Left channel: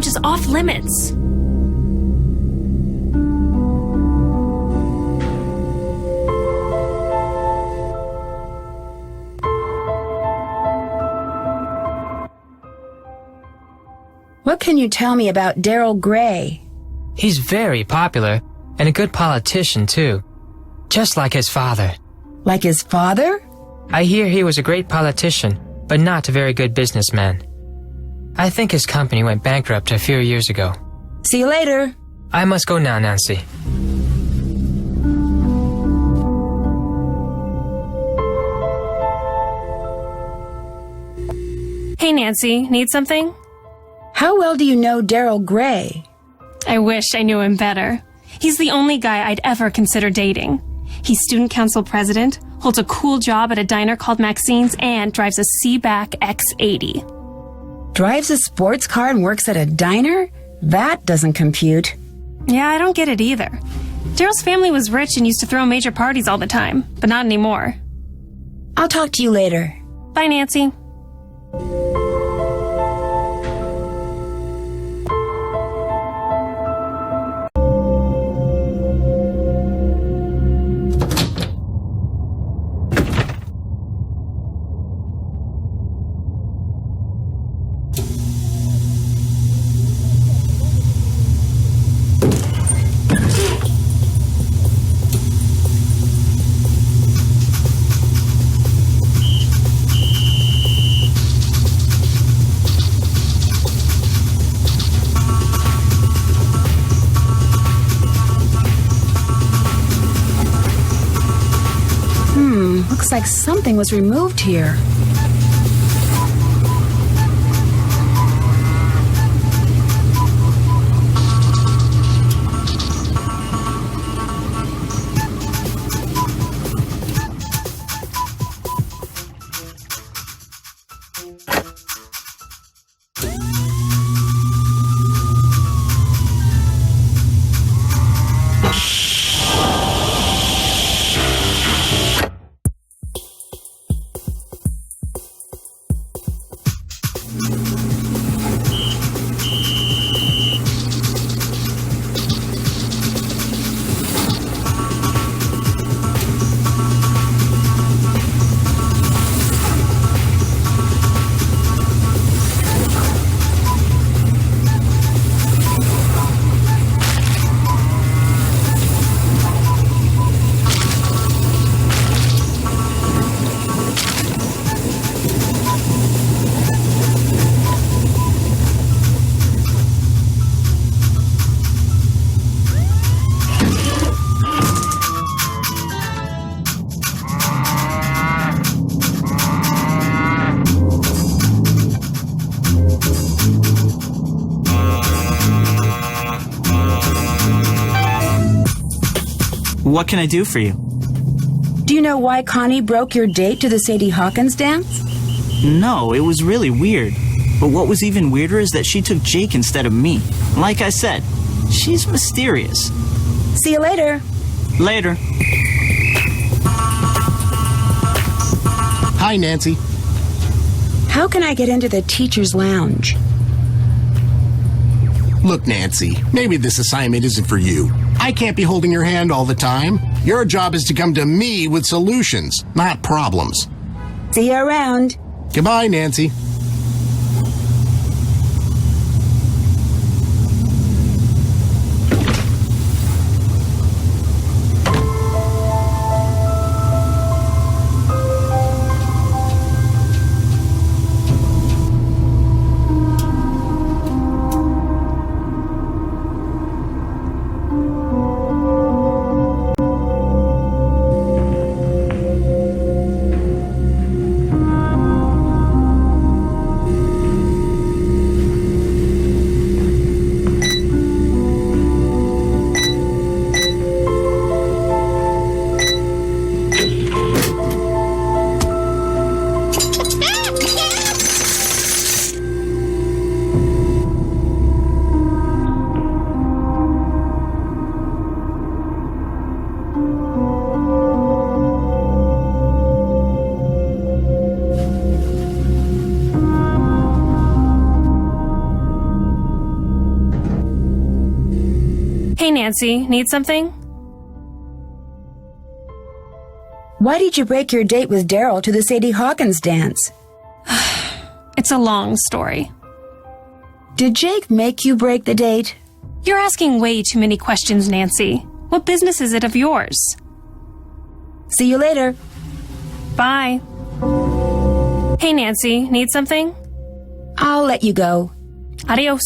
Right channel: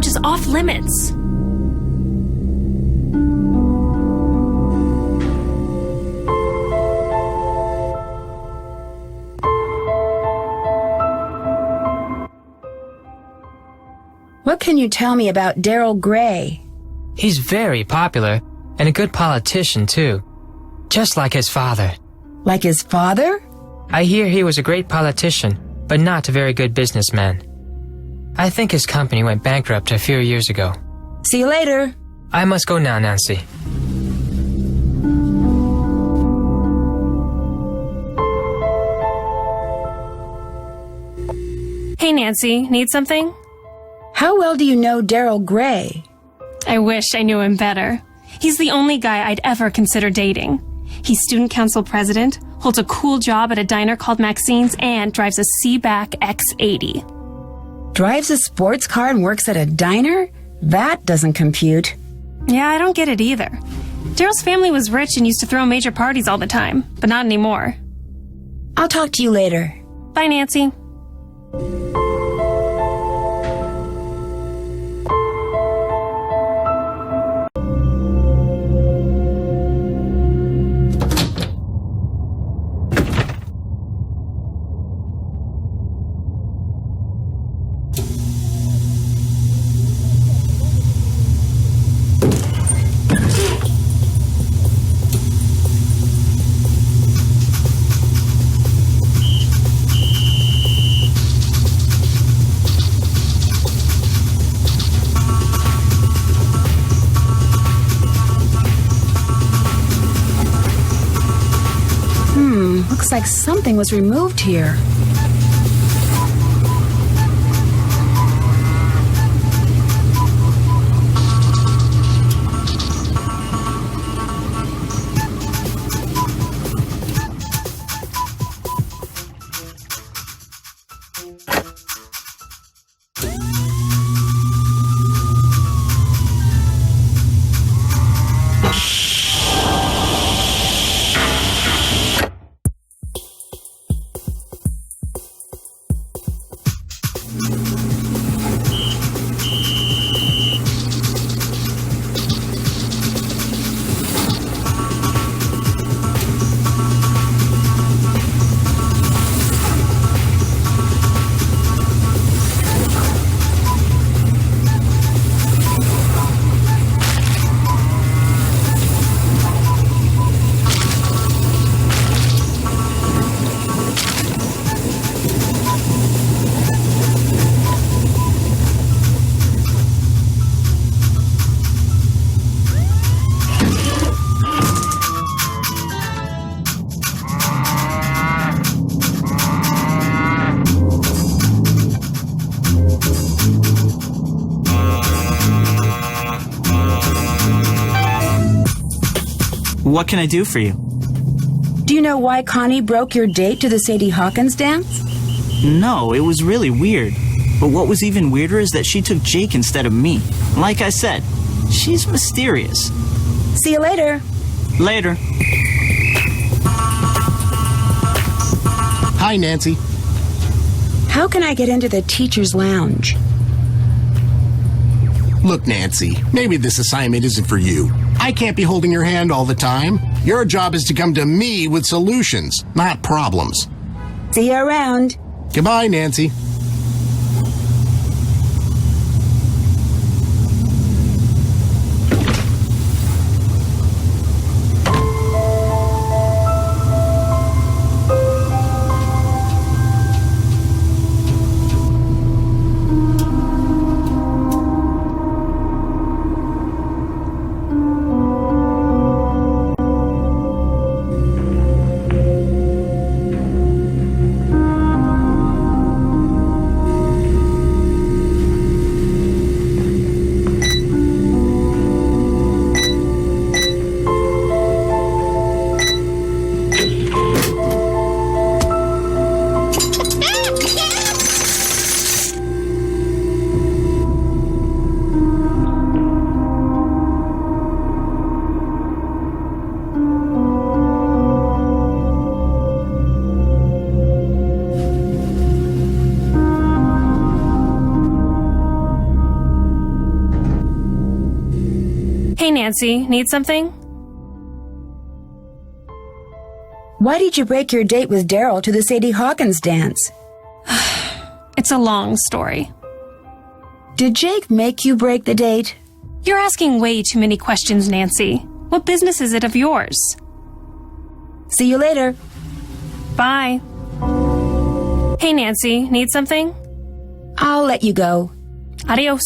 lounge is off limits. What can you tell me about Daryl Gray? He's very popular, and a good politician, too. Just like his father. Like his father? I hear he was a great politician, but not a very good businessman. I think his company went bankrupt a few years ago. See you later. I must go now, Nancy. Hey, Nancy, need something? How well do you know Daryl Gray? I wish I knew him better. He's the only guy I'd ever consider dating. He's student council president, holds a cool job at a diner called Maxine's, and drives a Seaback X80. Drives a sports car and works at a diner? That doesn't compute. Yeah, I don't get it either. Daryl's family was rich and used to throw major parties all the time, but not anymore. I'll talk to you later. Bye, Nancy. Looks like something was removed here. What can I do for you? Do you know why Connie broke your date to the Sadie Hawkins dance? No, it was really weird. But what was even weirder is that she took Jake instead of me. Like I said, she's mysterious. See you later. Later. Hi, Nancy. How can I get into the teacher's lounge? Look, Nancy, maybe this assignment isn't for you. I can't be holding your hand all the time. Your job is to come to me with solutions, not problems. See you around. Goodbye, Nancy. Hey, Nancy, need something? Why did you break your date with Daryl to the Sadie Hawkins dance? It's a long story. Did Jake make you break the date? You're asking way too many questions, Nancy. What business is it of yours? See you later. Bye. Hey, Nancy, need something? I'll let you go. Adios.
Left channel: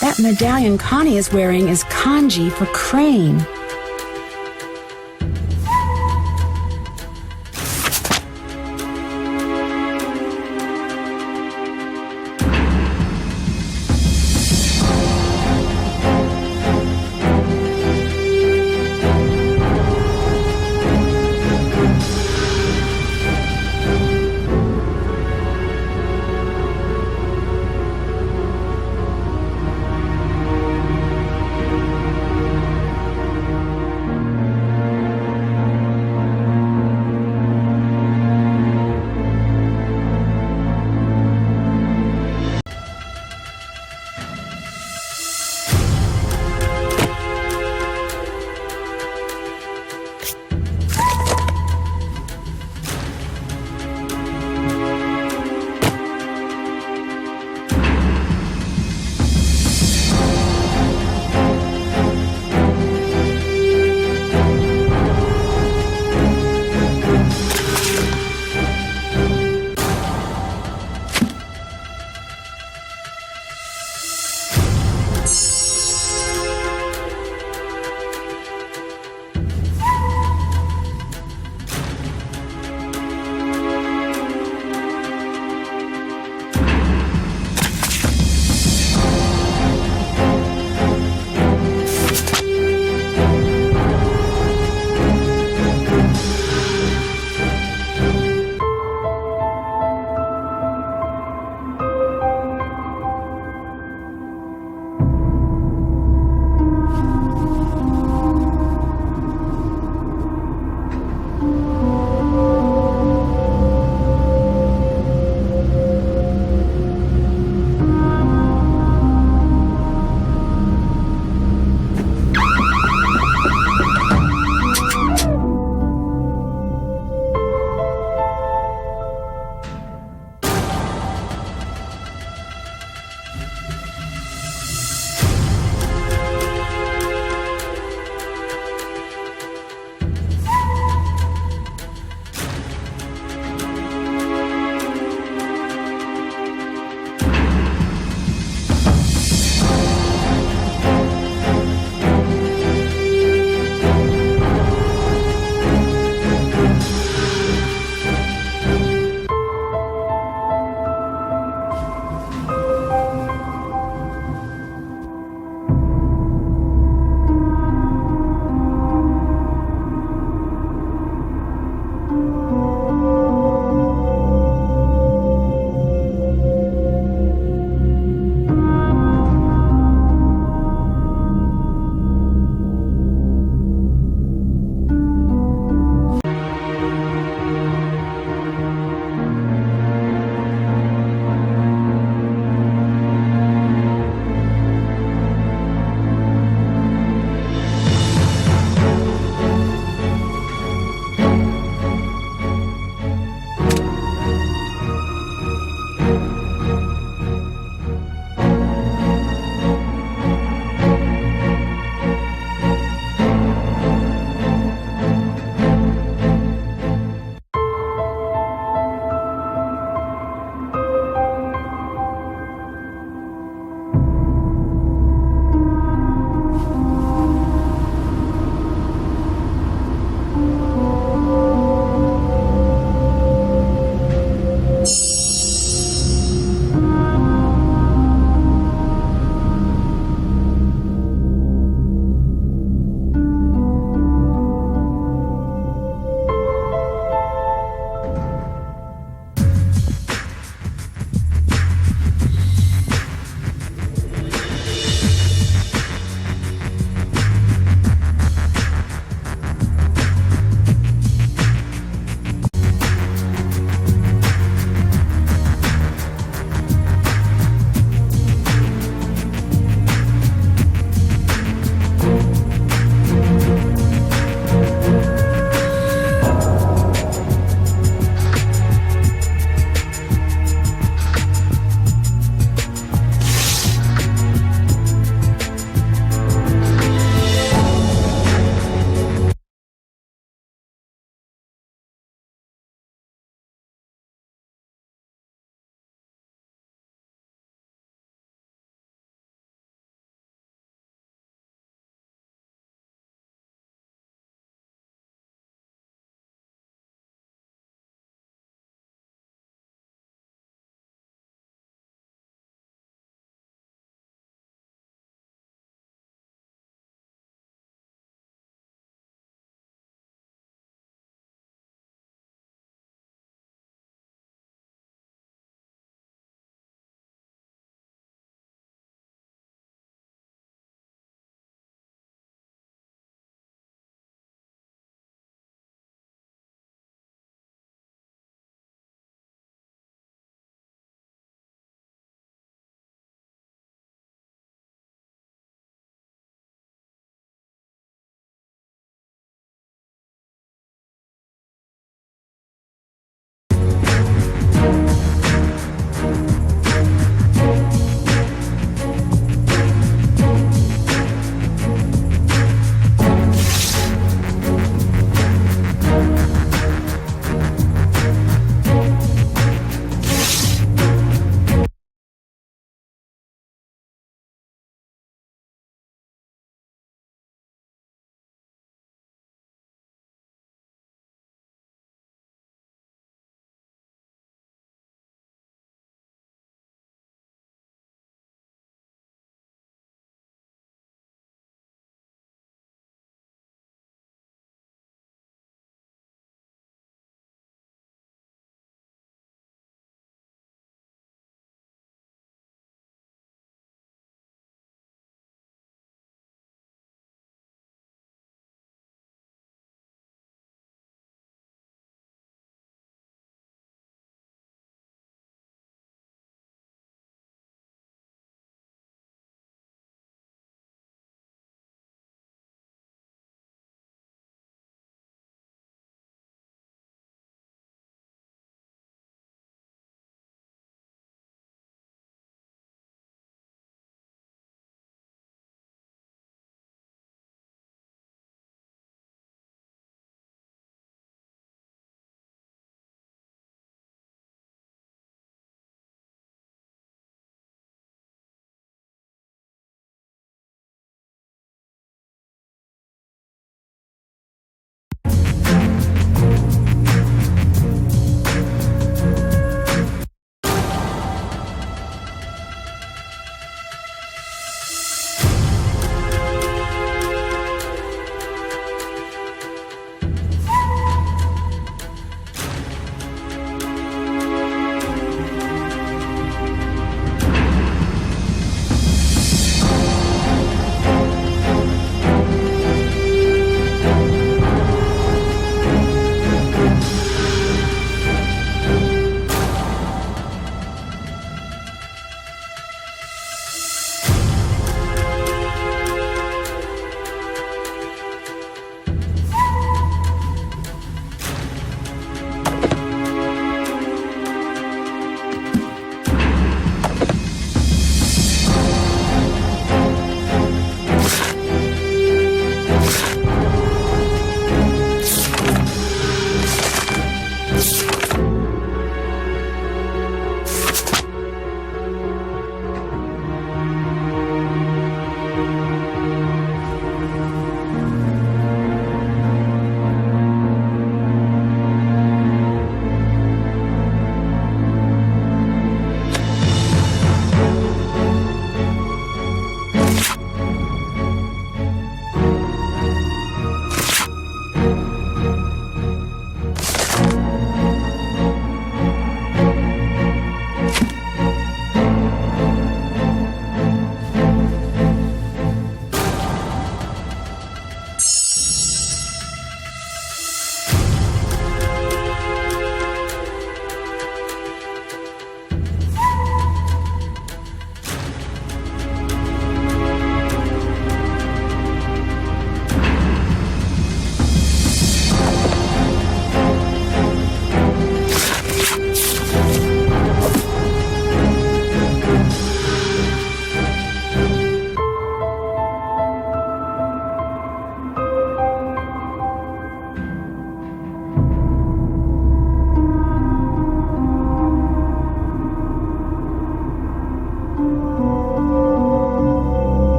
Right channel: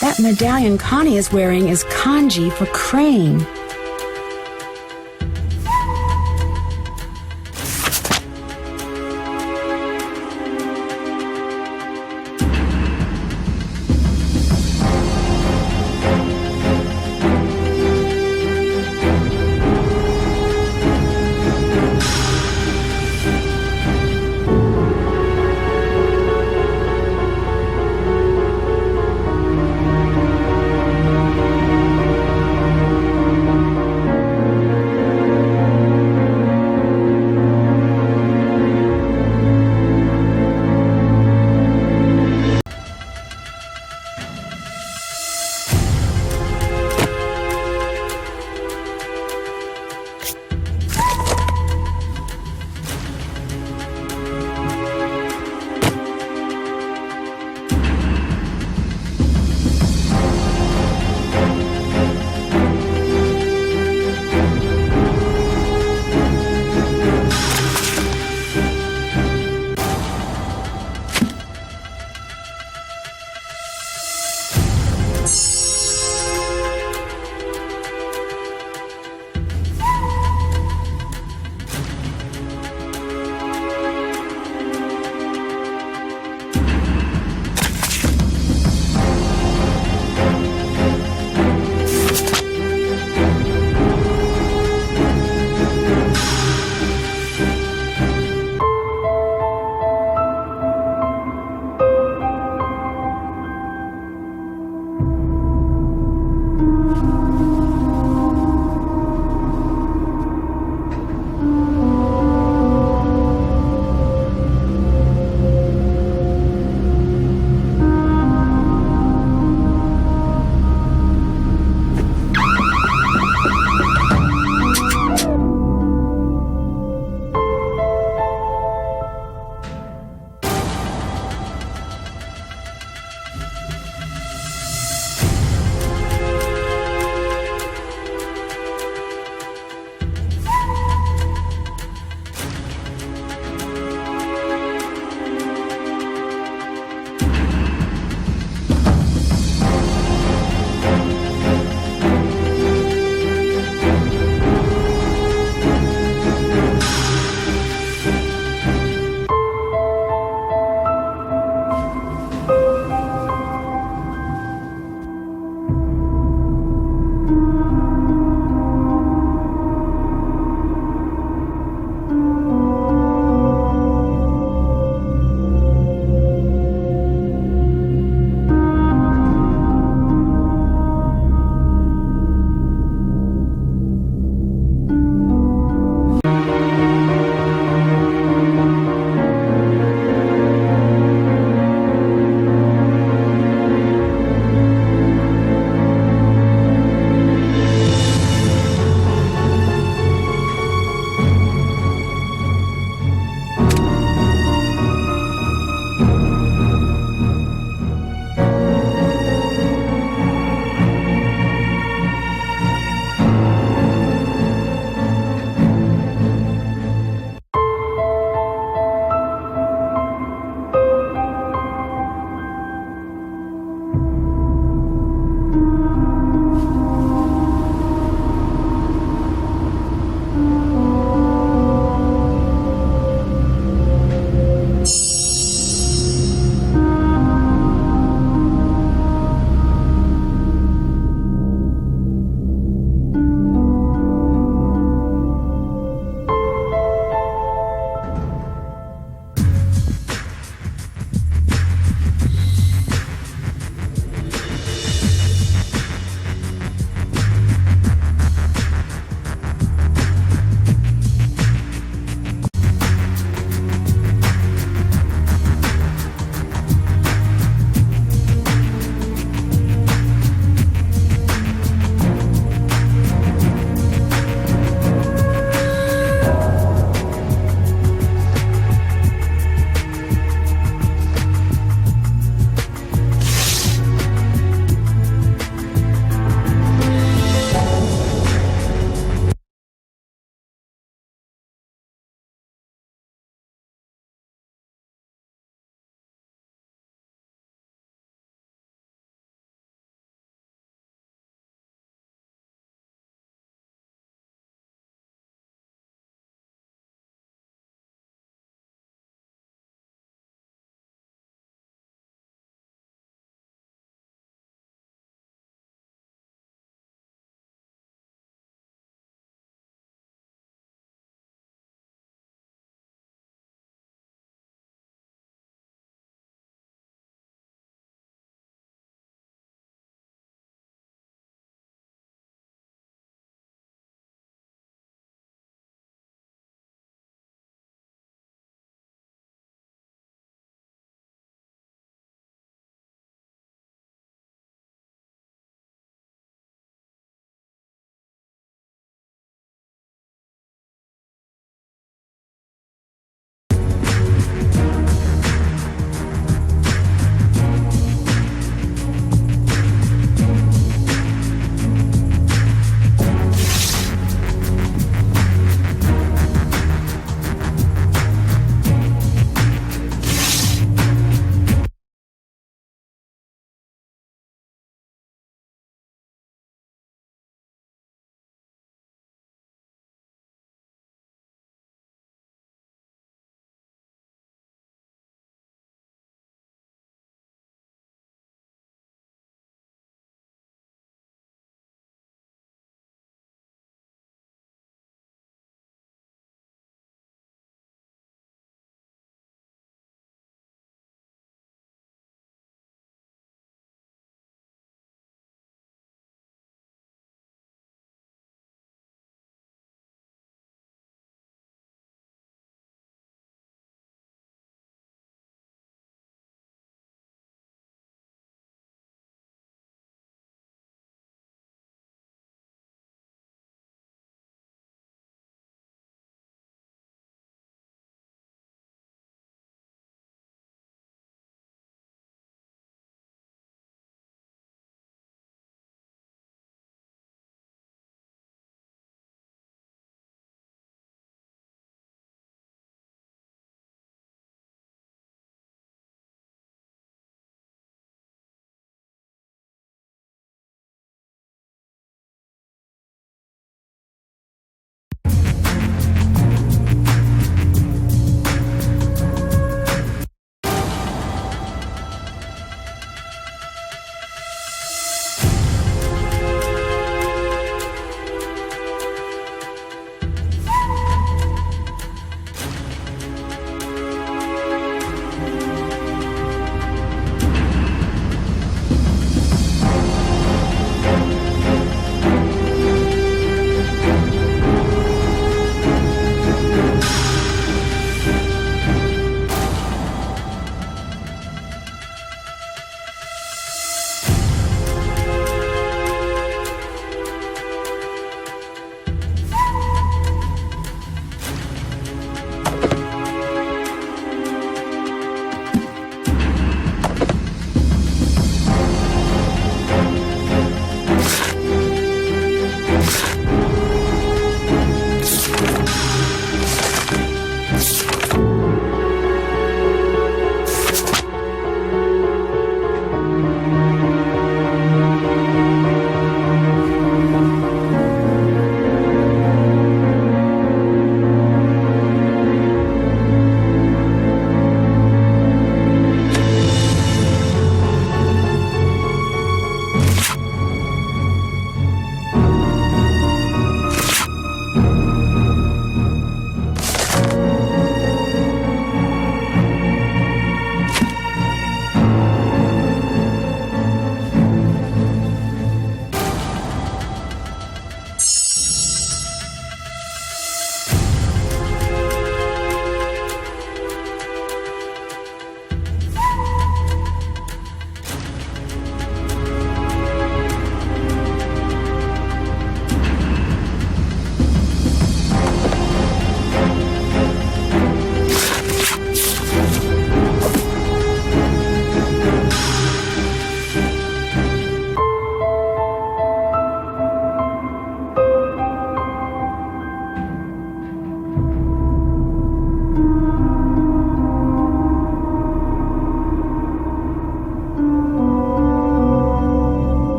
That medallion Connie is wearing is kanji for crane.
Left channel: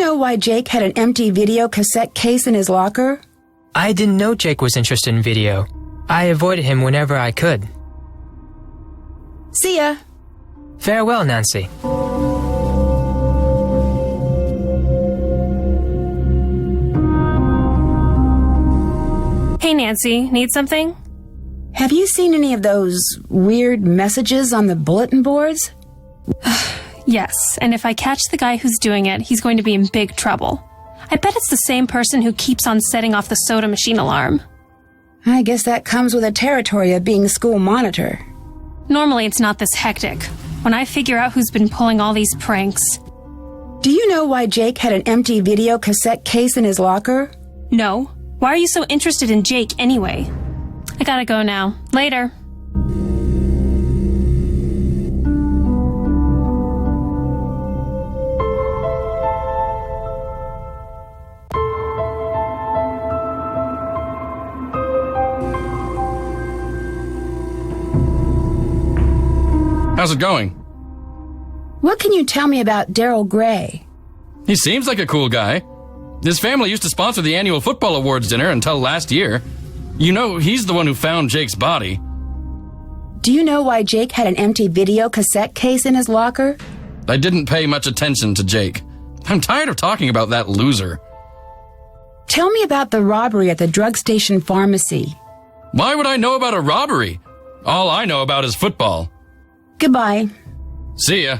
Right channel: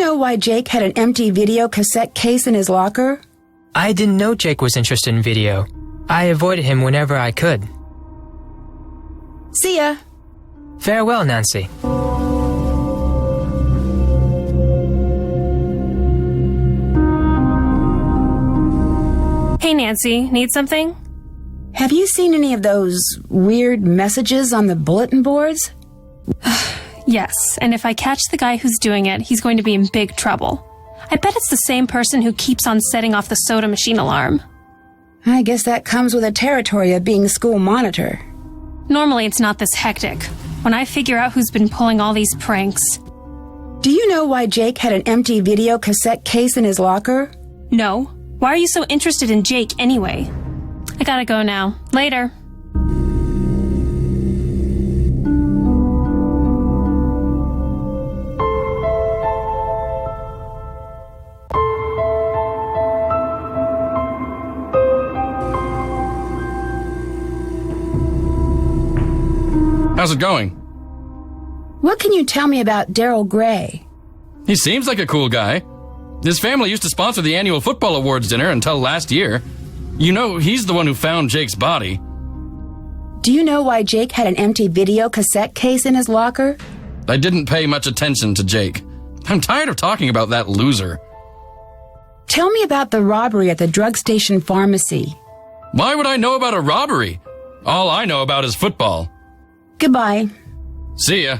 know why Jake had an empty video cassette case in his locker? I didn't know Jake was interested in video. I avoided him whenever I could. See ya. Farewell, Nancy. Hey, Nancy, need something? Have you seen any of those weird messages on the bulletin boards? Yes, and if I catch the guy who's doing it, he's going to be in big trouble. I bet it's the same person who keeps on setting off the soda machine alarm. I guess that comes with the territory of being school monitor. Normally it's not this hectic. When I figure out who's been pulling all these pranks. Do you know why Jake had an empty video cassette case in his locker? No. Why are you so interested in Jake anyway? I gotta go now. Later. How's it going? What can you tell me about Daryl Gray? He seems like a cool guy. His family used to sponsor the annual football awards dinner until last year. You know, he's the one who found Jake's body. Do you know why Jake had an empty video cassette case in his locker? I didn't pay much attention to Jake. I'm tired of talking about that loser. Tell me about the robbery at the drug station pharmacy. Why would I know about a robbery? All I know about is football. Goodbye. See ya.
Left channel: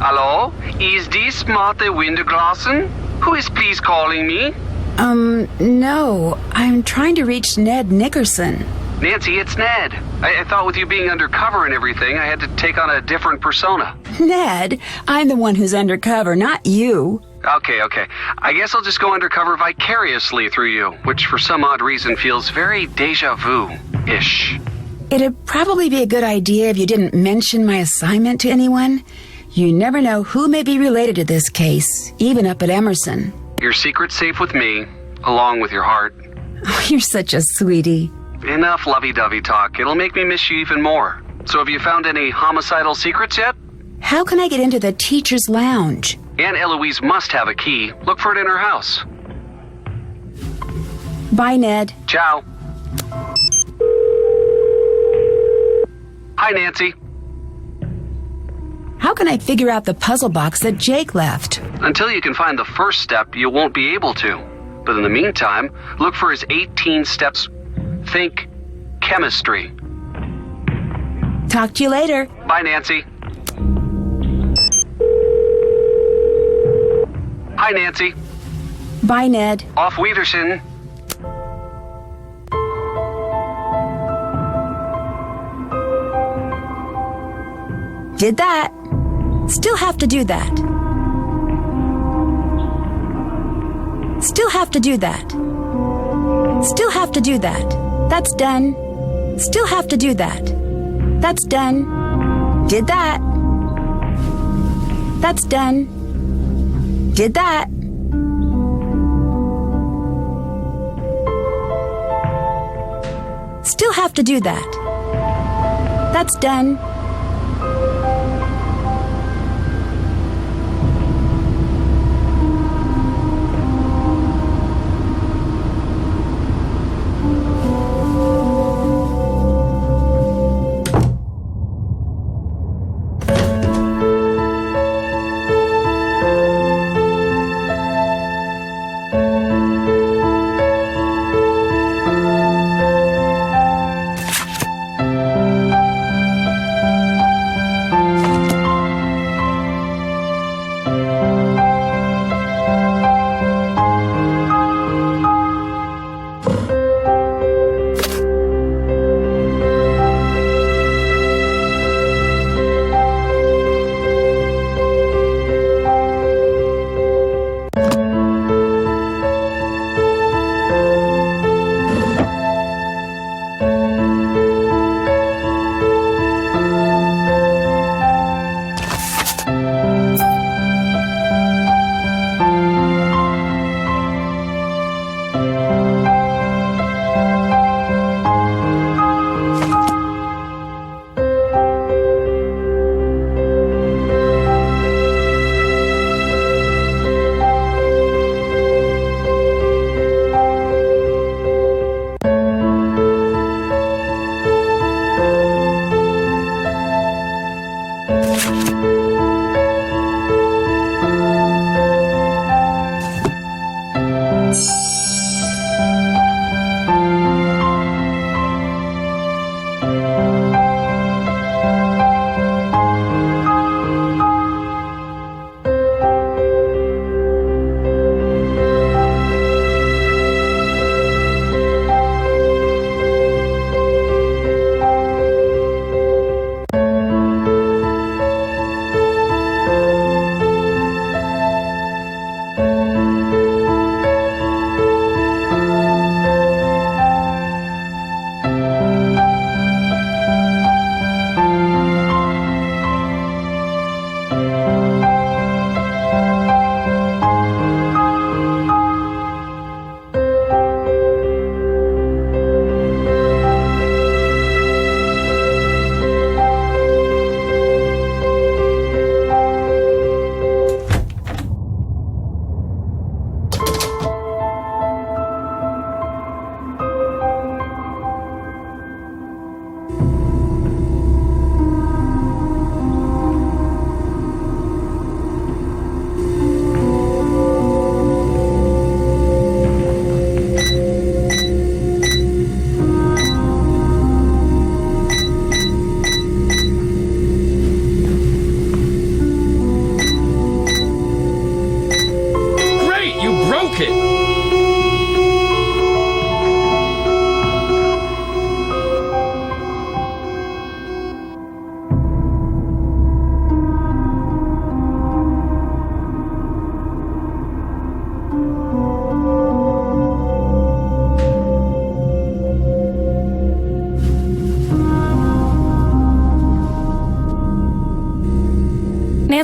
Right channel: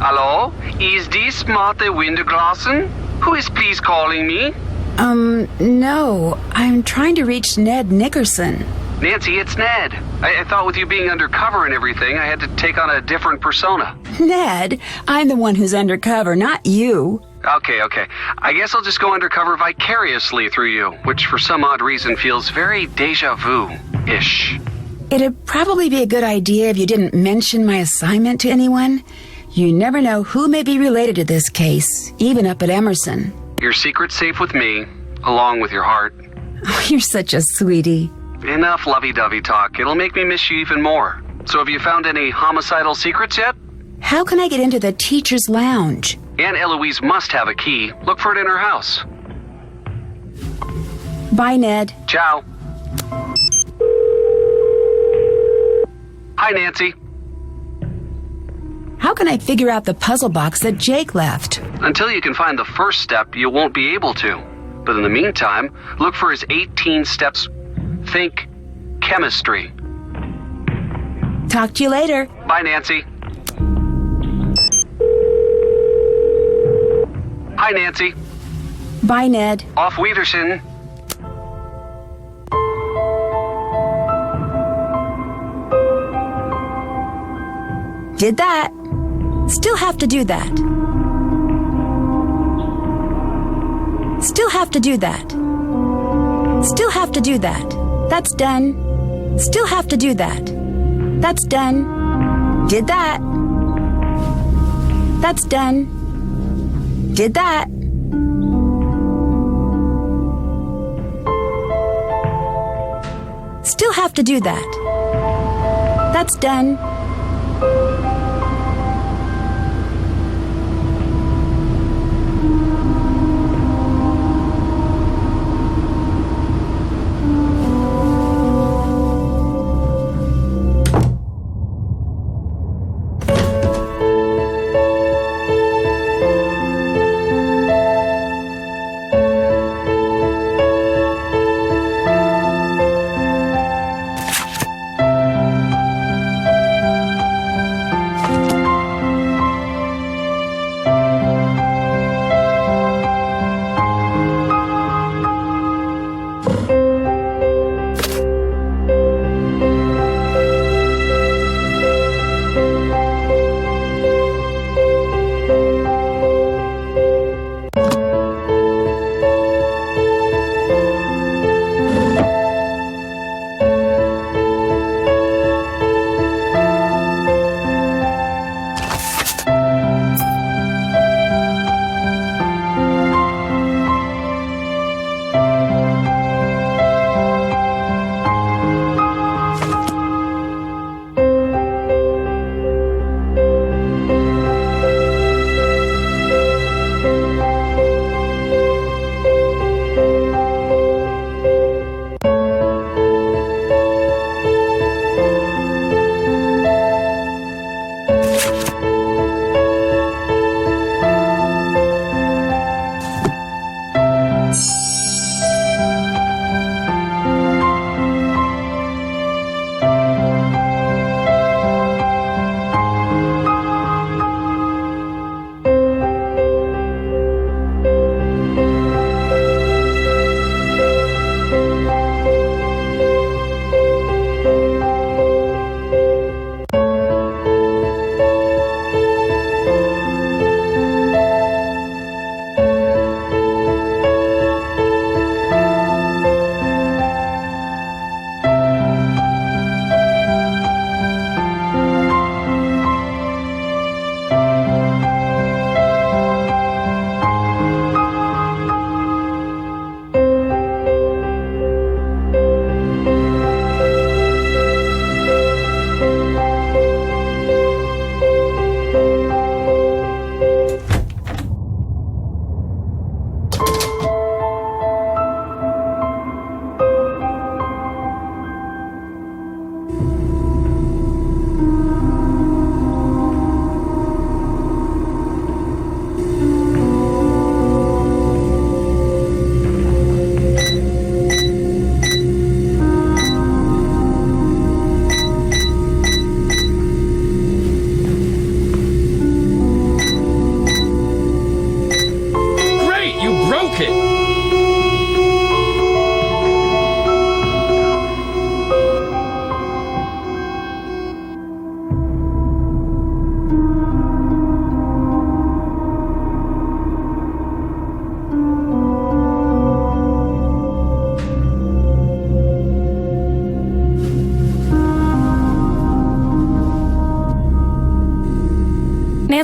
Hello? Is this Martha Winterglassen? Who is please calling me? No. I'm trying to reach Ned Nickerson. Nancy, it's Ned. I thought with you being undercover and everything, I had to take on a different persona. Ned, I'm the one who's undercover, not you. Okay. I guess I'll just go undercover vicariously through you, which for some odd reason feels very deja vu-ish. It'd probably be a good idea if you didn't mention my assignment to anyone. You never know who may be related to this case, even up at Emerson. Your secret's safe with me, along with your heart. Oh, you're such a sweetie. Enough lovey-dovey talk. It'll make me miss you even more. So have you found any homicidal secrets yet? How can I get into the teacher's lounge? Aunt Eloise must have a key. Look for it in her house. Bye, Ned. Ciao. Hi, Nancy. How can I figure out the puzzle box that Jake left? Until you can find the first step, you won't be able to. But in the meantime, look for his 18 steps. Think chemistry. Talk to you later. Bye, Nancy. Hi, Nancy. Bye, Ned. Auf Wiedersehen. Did that. Still have to do that. Still have to do that. Still have to do that. That's done. Still have to do that. That's done. Did that. That's done. Did that. Still have to do that. That's done.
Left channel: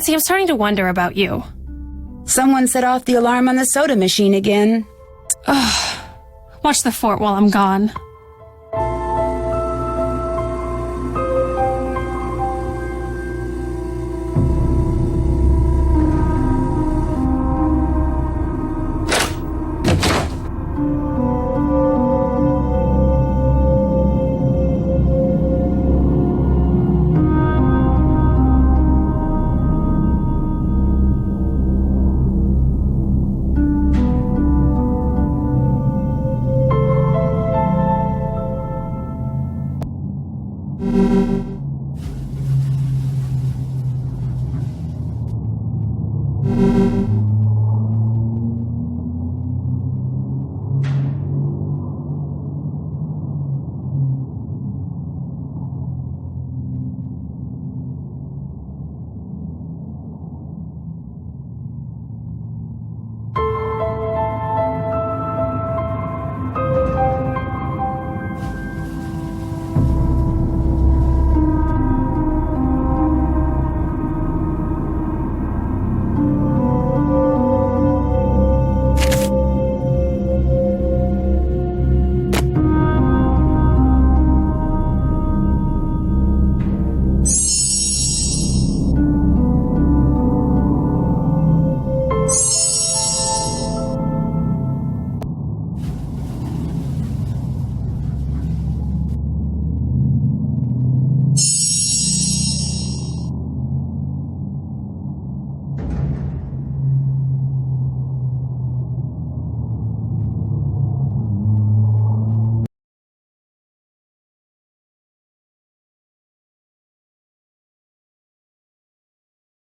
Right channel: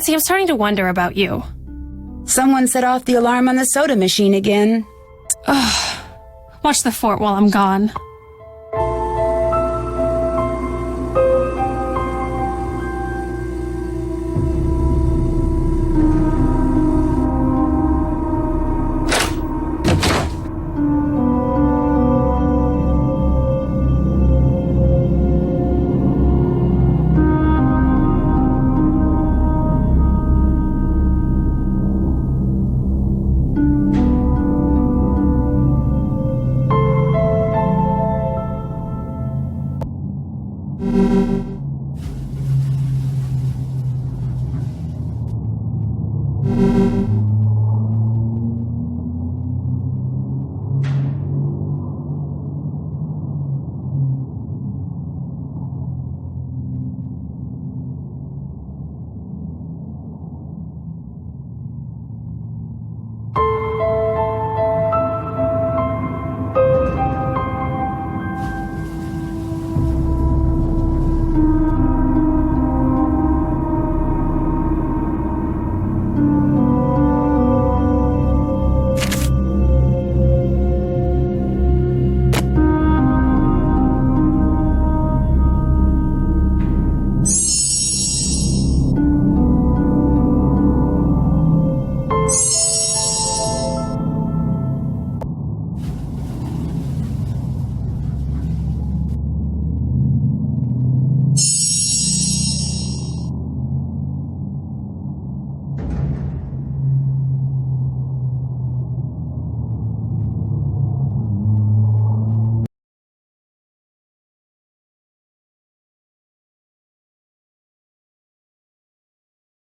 Patsy, I'm starting to wonder about you. Someone set off the alarm on the soda machine again. Watch the fort while I'm gone.